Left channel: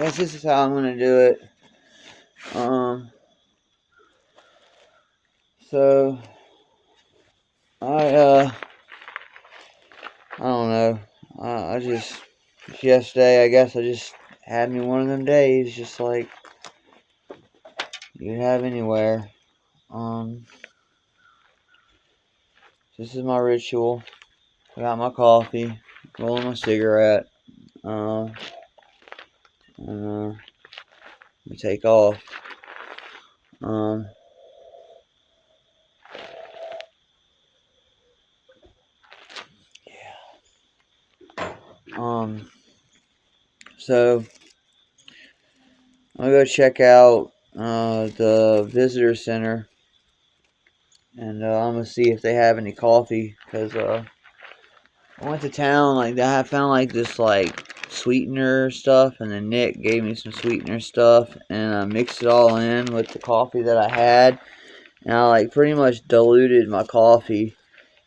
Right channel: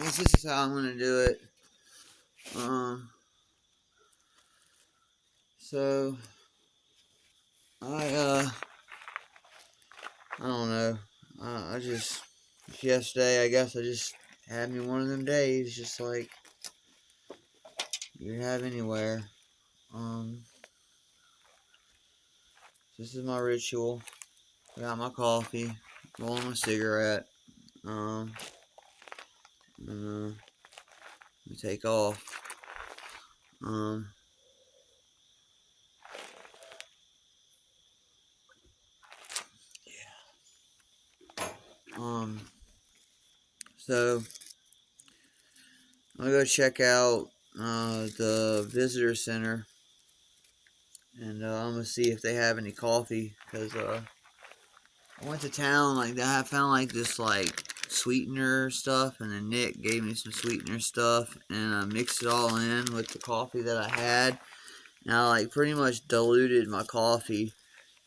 guess this is how I'm gonna do it. So I I don't know. I just yesterday I guess I just had me one of them days, just like you'd have anywhere. Um, this is my ritual. I got my coffee, rolling my cigarette. Uh, and we take off. Um, um, so I'm gonna go check out the visitor center, and I'm gonna see if they have any coffee. Cause I went to town like that. I found like this like sweetener stuff, and then Nick gave me some sweetener stuff, and I mixed it all in with the coffee that I had, and I like pretty much diluted my coffee,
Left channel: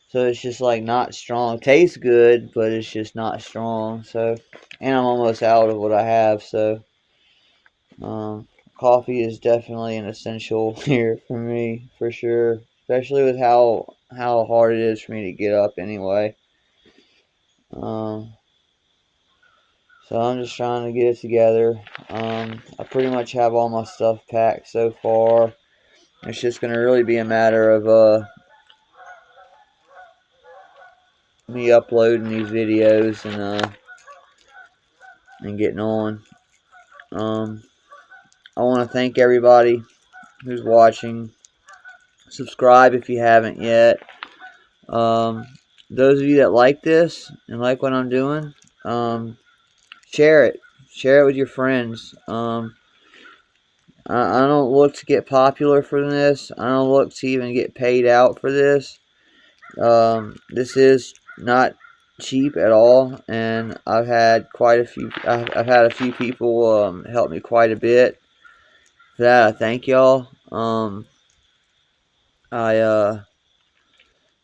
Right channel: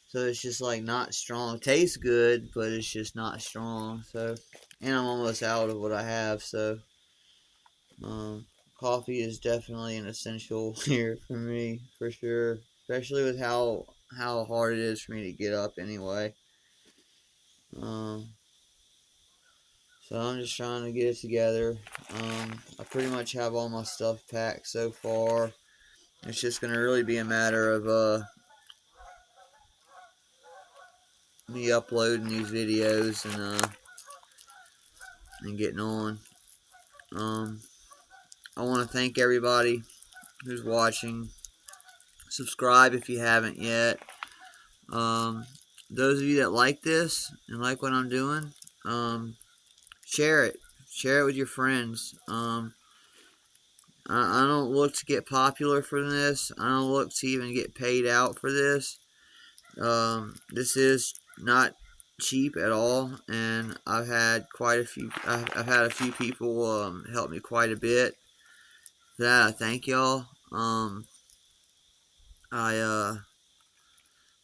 so it's just like not strong. Tastes good, but it's just not strong. So, and I'm almost out of what I have, so um, coffee is definitely an essential here for me for sure, especially with how hard it is for me to get up anyway. Um, So I'm just trying to get it together. I pretty much have all my stuff packed so far. It's just gonna really be a matter of me uploading these videos and getting on. Um, I want to thank everybody who's watching. Subscribe if you haven't yet. Um, those of you that like this and like what I'm doing, share it. Share it with your friends. I don't look to get popular for this. I don't look to even get paid out for this. This is not cheap at all, and I've had quite a few. I've had a few people help me quite a bit. For that, I thank y'all. I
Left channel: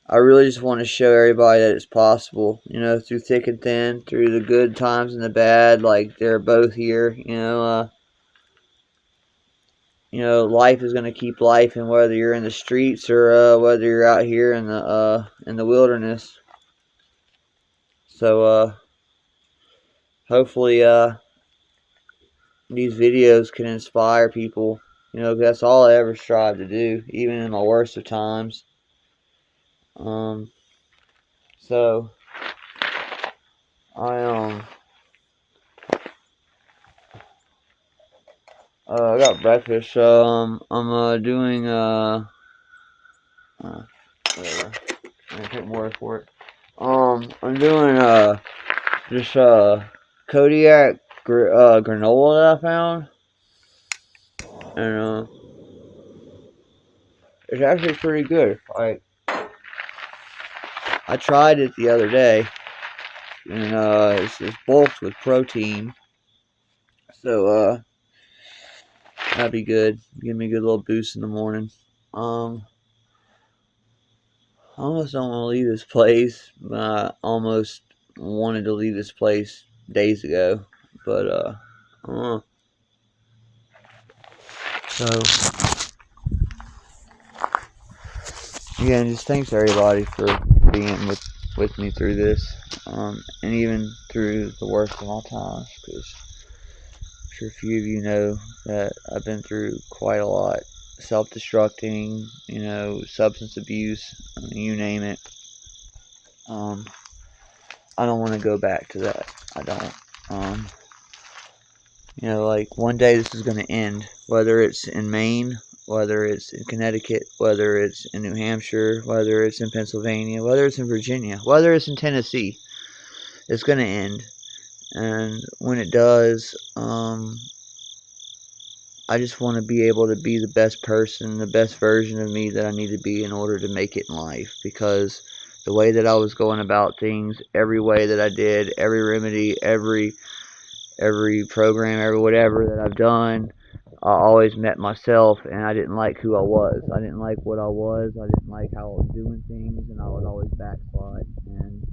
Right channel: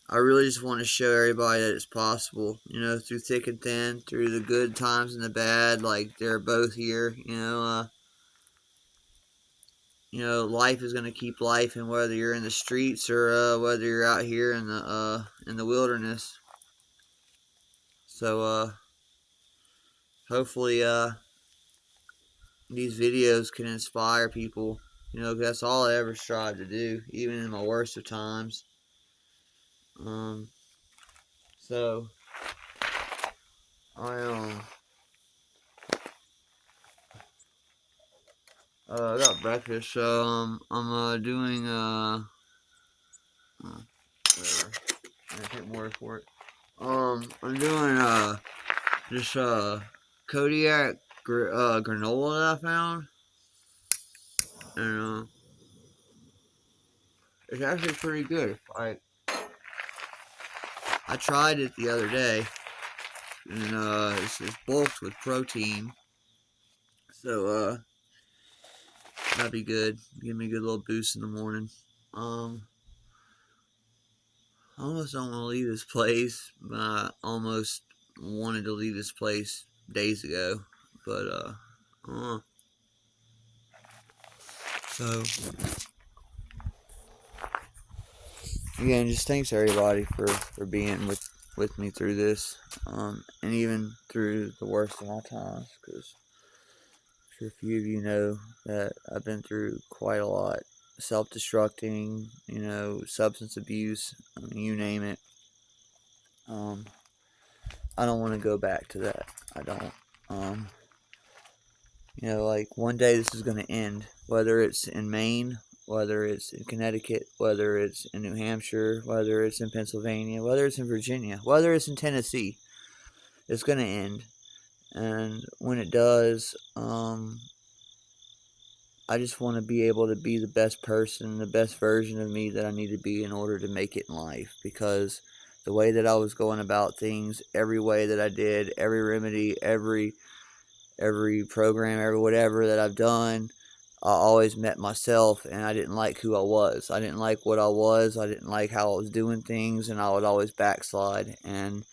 I really just want to show everybody that it's possible. You know, through thick and thin, through the good times and the bad. Like they're both here. Life is gonna keep life, and whether you're in the streets or whether you're out here in the wilderness. So hopefully these videos can inspire people. That's all I ever strive to do, even in my worst of times. Um, so I I got breakfast, so I'm doing whatever. I can't word for it. I'm doing just Kodiak granola that I found, and it's actually pretty good. I tried it the other day, and it's bulked with protein, so that'd be good. Give me a good little boost in the morning. I almost don't want to leave this place. I almost wanted to leave this place days ago, but uh, so yeah, and just thanks everybody for being with me through this, and even through the worst of my times, because I'm sure a few of you know that I've been through quite a lot. Self-destructing, substance abuse, I mean, you name it. Um, I don't want to go back to that. I don't. Um, like one day this is going to end, whether it's in Maine, whether it's in Connecticut, whether it's in New Hampshire, whether it's in Pennsylvania, whether it's in Virginia, whether it's in Tennessee. It's going to end. And when it does, I just want to be able to be the best person, the best version of me that I need to be in order to make it in life. Because the way that I was going about things, every way that I did, every remedy, every program, every whatever that I've done, I always met myself, and I didn't like who I was. I didn't like what I was. I didn't like how I was doing things, and I would always backslide. And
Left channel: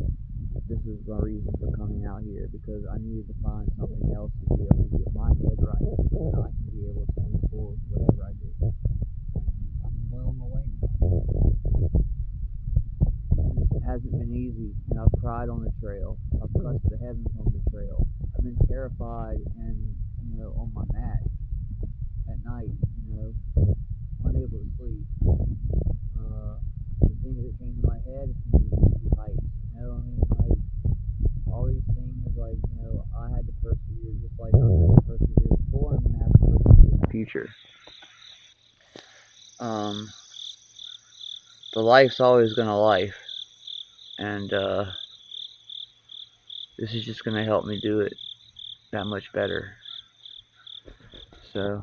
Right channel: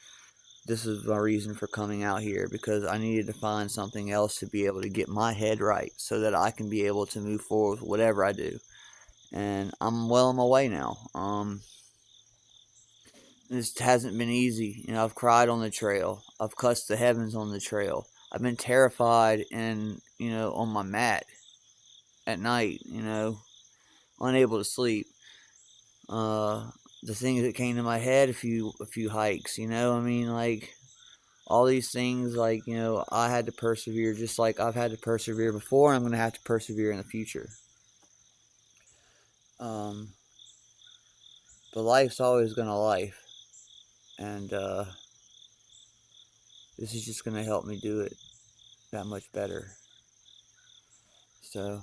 this is my reason for coming out here, because I needed to find something else to be able to get my head right so that I can be able to move forward with whatever I do. And I'm well on my way now. This hasn't been easy. I've cried on the trail. I've cussed the heavens on the trail. I've been terrified and, on my mat at night, unable to sleep. The things that came to my head, a few hikes, like all these things, like, I had to persevere just like I've had to persevere before, and I'm going to have to persevere in the future. But life's always going to life, and this is just going to help me do it that much better. So,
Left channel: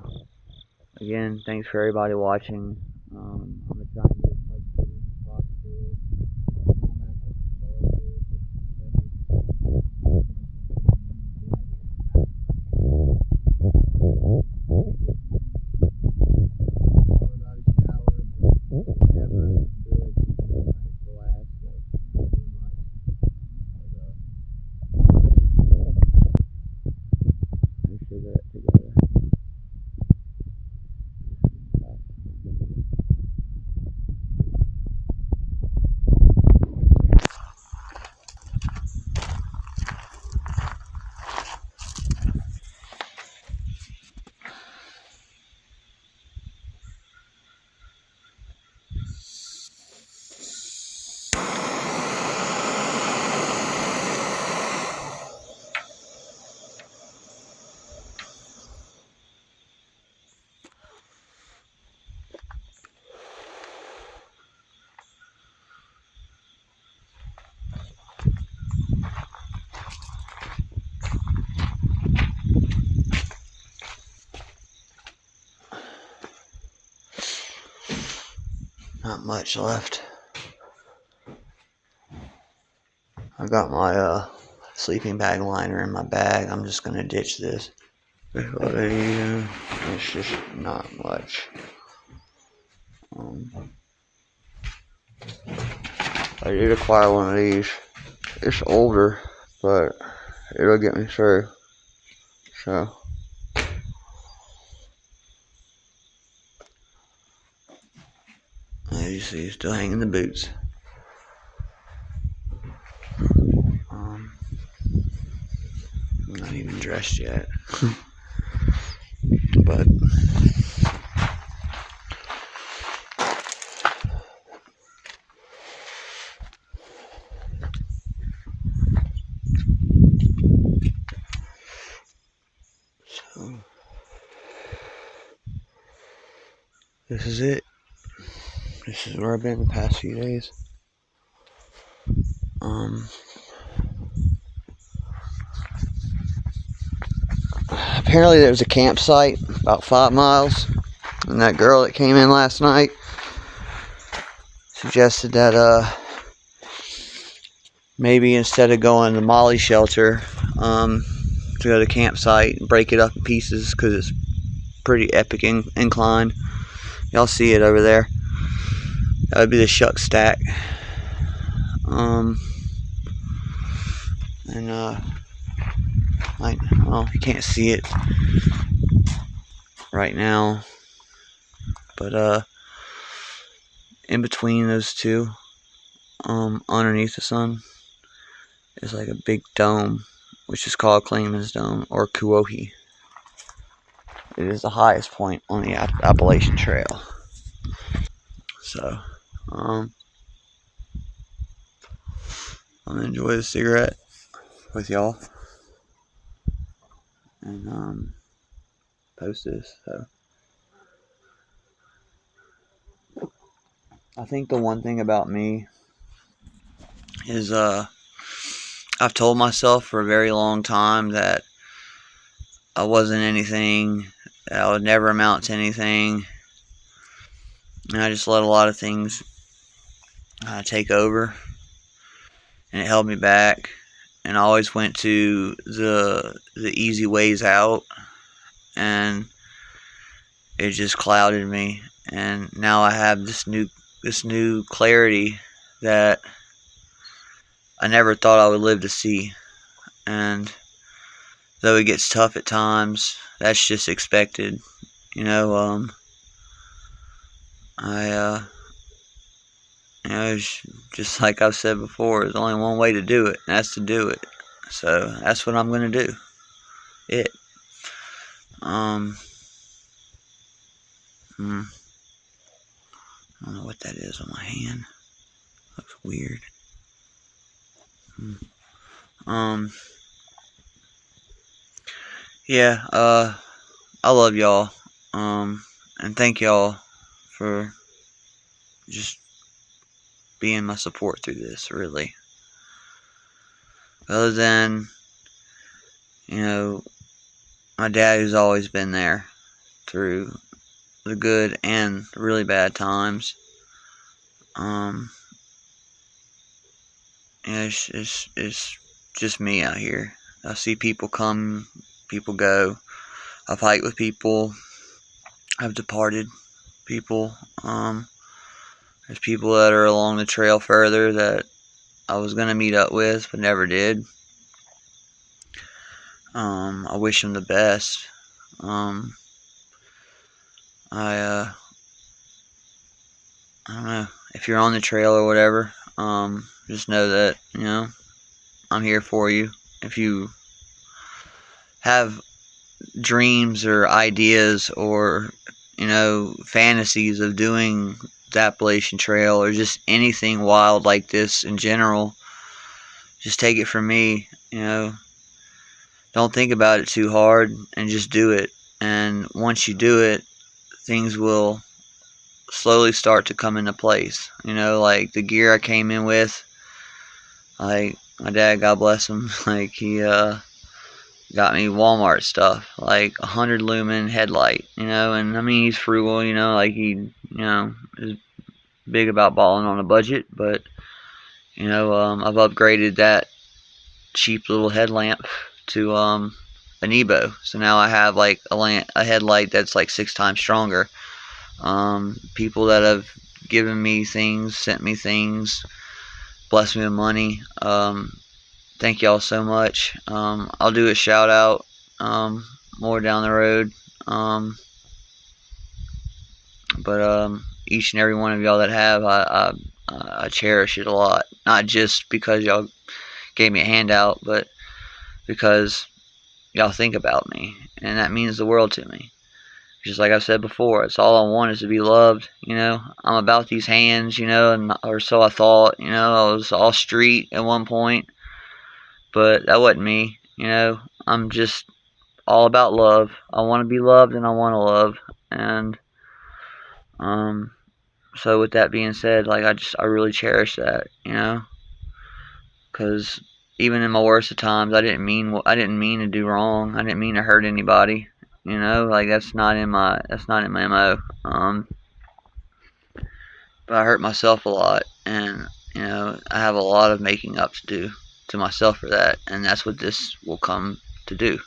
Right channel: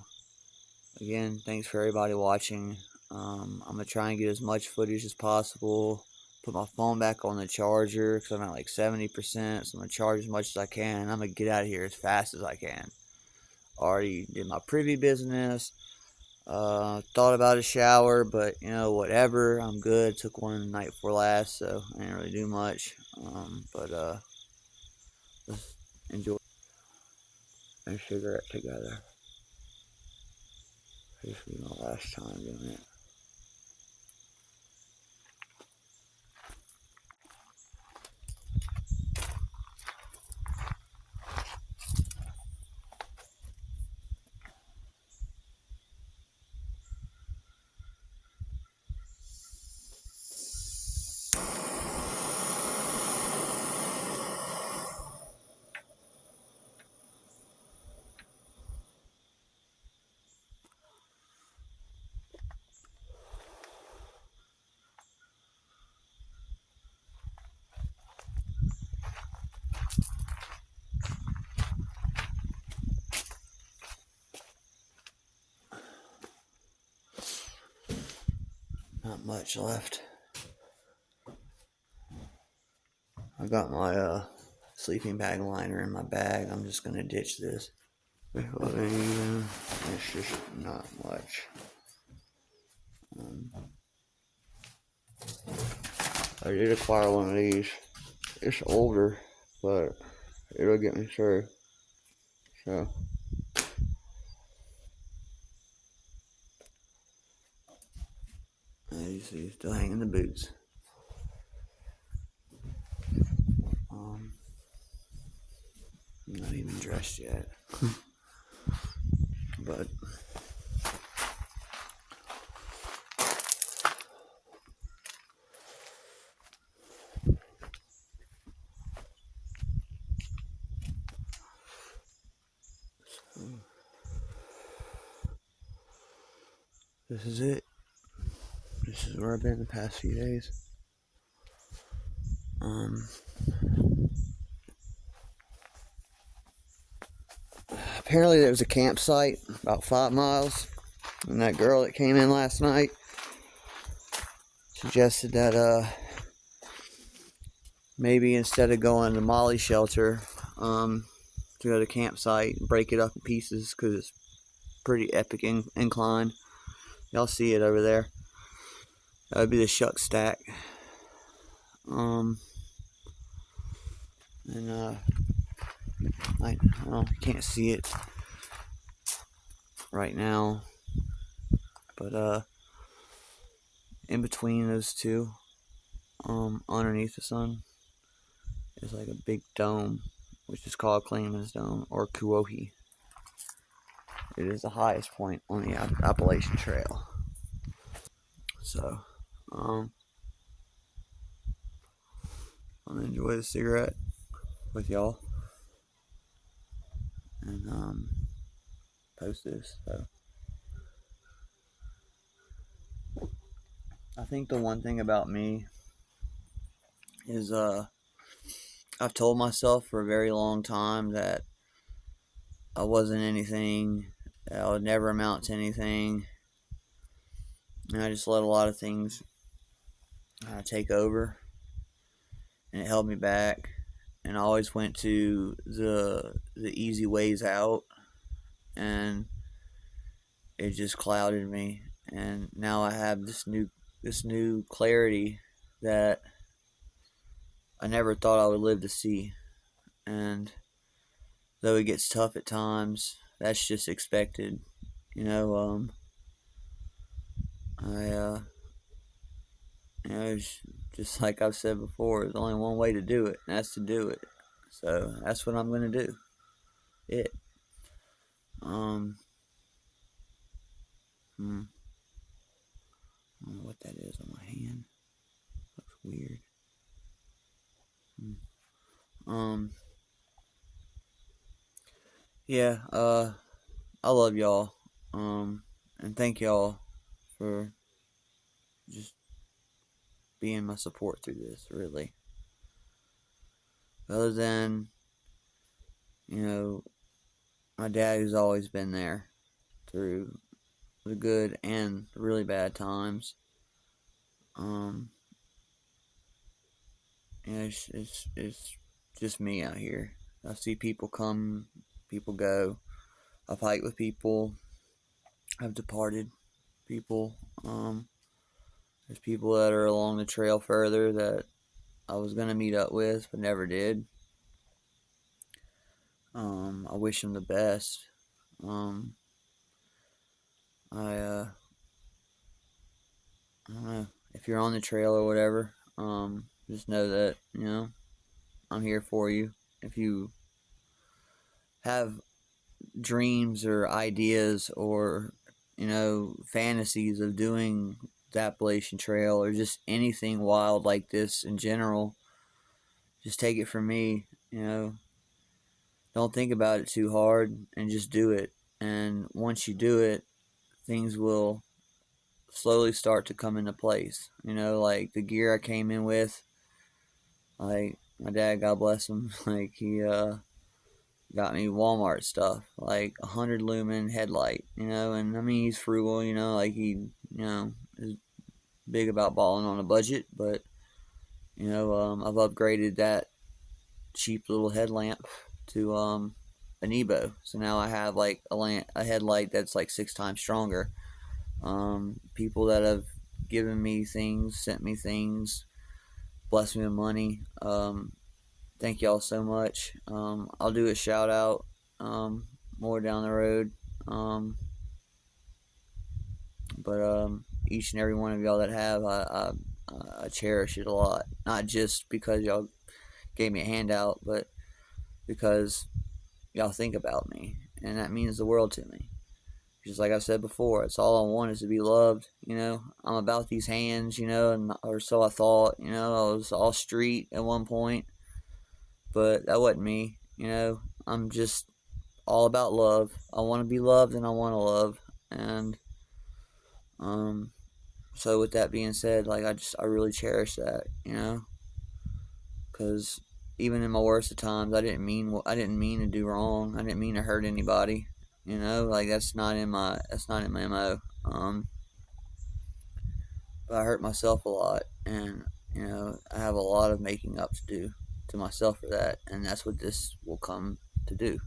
again, thanks for everybody watching. I'm going to try and get as much footage as possible. Put my phone back on the charger because I'm at like 70%, so I'm going to charge as much as I can, and I'm going to get out of here as fast as I can. Already did my preview business. Thought about a shower, but whatever. I'm good. Took one the night before last, so I didn't really do much. But enjoy a cigarette together. This will be my last time doing it. Not much left. I got my sleeping bag liner in my bag. I'm just gonna ditch this. It's just not much. I did acquire one of these. It's older, but it'll get me through. So, as you see, still hanging the boots. I'm not even dressed yet. But so, this is it. This is where I've been the past few days. Apparently there's a campsite about 5 miles, and that girl that came in last night suggested that maybe instead of going to Molly shelter, to go to the campsite and break it up in pieces, because it's pretty epic incline. Y'all see it over there. That would be the shuck stack. Well, you can't see it right now, but in between those two, underneath the sun, is like a big dome, which is called Clayman's Dome, or Kuohi. It is the highest point on the Appalachian Trail. So, I'm gonna enjoy the cigarette with y'all, and post this. So, I think the one thing about me is I've told myself for a very long time that I wasn't anything, that I would never amount to anything, and I just let a lot of things take over, and it held me back, and I always went to the easy ways out, and it just clouded me. And now I have this new clarity that I never thought I would live to see. And though it gets tough at times, that's just expected. You know, I, it's just like I've said before, there's only one way to do it, and that's to do it. So that's what I'm gonna do. It. Um. Hmm, I don't know what that is on my hand. Looks weird. Hmm. Um. Yeah. I love y'all. And thank y'all for just being my support through this. Really. Other than, you know, my dad who's always been there through the good and the really bad times. Um, yeah, it's just me out here. I see people come, people go. I fight with people. I've departed people. There's people that are along the trail further that I was gonna meet up with, but never did. I wish them the best. Um, I I don't know, if you're on the trail or whatever. Just know that I'm here for you. If you have dreams or ideas or fantasies of doing the Appalachian Trail or just anything wild like this in general, just take it from me. Don't think about it too hard and just do it. And once you do it, things will slowly start to come into place. Like the gear I came in with, like my dad, God bless him, like he got me Walmart stuff, like 100 lumen headlight, and I mean he's frugal, like he, is big about balling on a budget, but I've upgraded that cheap little headlamp to an Evo, so now I have like a headlight that's like 6 times stronger. People that have given me things, sent me things, blessed me with money. Thank y'all so much. I'll do a shout out more down the road. But each and every one of y'all that have, I cherish it a lot. Not just because y'all gave me a handout, but because y'all think about me, and that means the world to me. Just like I've said before, it's all I want is to be loved. I'm about these hands, or so I thought. I was all street at one point, but that wasn't me. I'm just all about love. I want to be loved, and I want to love. And so with that being said, like I really cherish that, because even in my worst of times, I didn't mean to do wrong. I didn't mean to hurt anybody. Like that's not in my mo. But I hurt myself a lot, and I have a lot of making up to do to myself for that, and that's what this will come to do,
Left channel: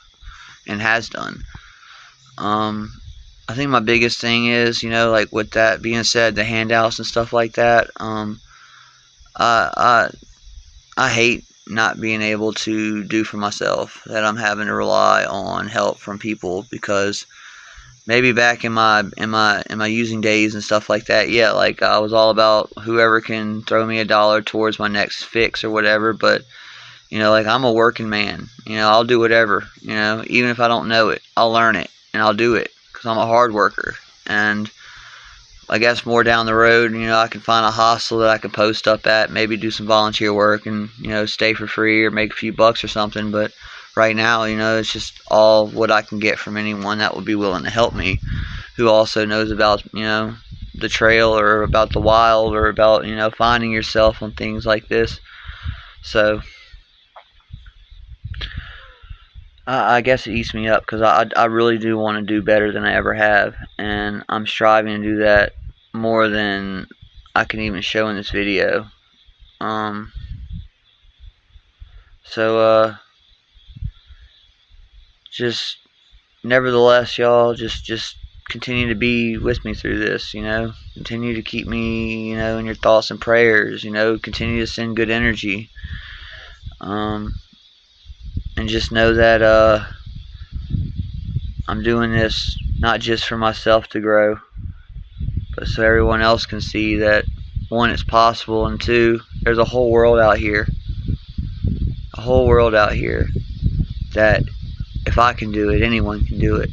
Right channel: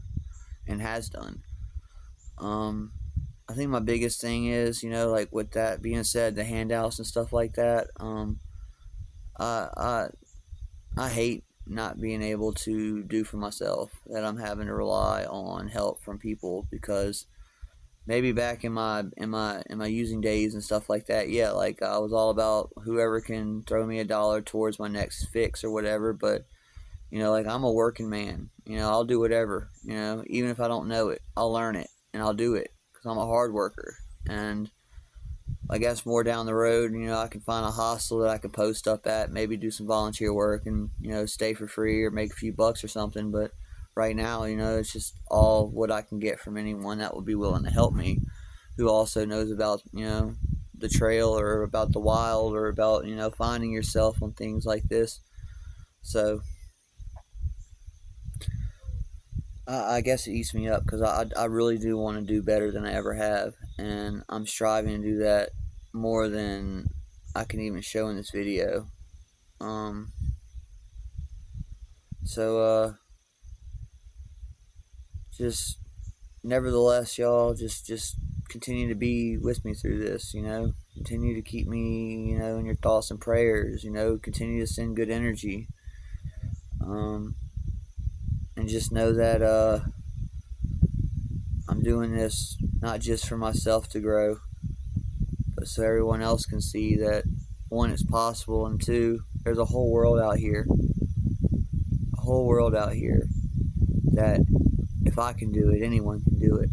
and has done. I think my biggest thing is, like with that being said, the handouts and stuff like that. I I hate not being able to do for myself. That I'm having to rely on help from people, because maybe back in my using days and stuff like that, yeah, like I was all about whoever can throw me $1 towards my next fix or whatever. But like I'm a working man. I'll do whatever. Even if I don't know it, I'll learn it and I'll do it because I'm a hard worker. And I guess more down the road, I can find a hostel that I can post up at, maybe do some volunteer work and stay for free or make a few bucks or something. But right now, it's just all what I can get from anyone that would be willing to help me, who also knows about the trail or about the wild or about finding yourself on things like this. So I guess it eats me up, because I really do want to do better than I ever have, and I'm striving to do that more than I can even show in this video. Um, so just nevertheless, y'all, just continue to be with me through this. Continue to keep me, in your thoughts and prayers. Continue to send good energy. And just know that I'm doing this not just for myself to grow, but so everyone else can see that, one, it's possible, and two, there's a whole world out here. A whole world out here that if I can do it, anyone can do it.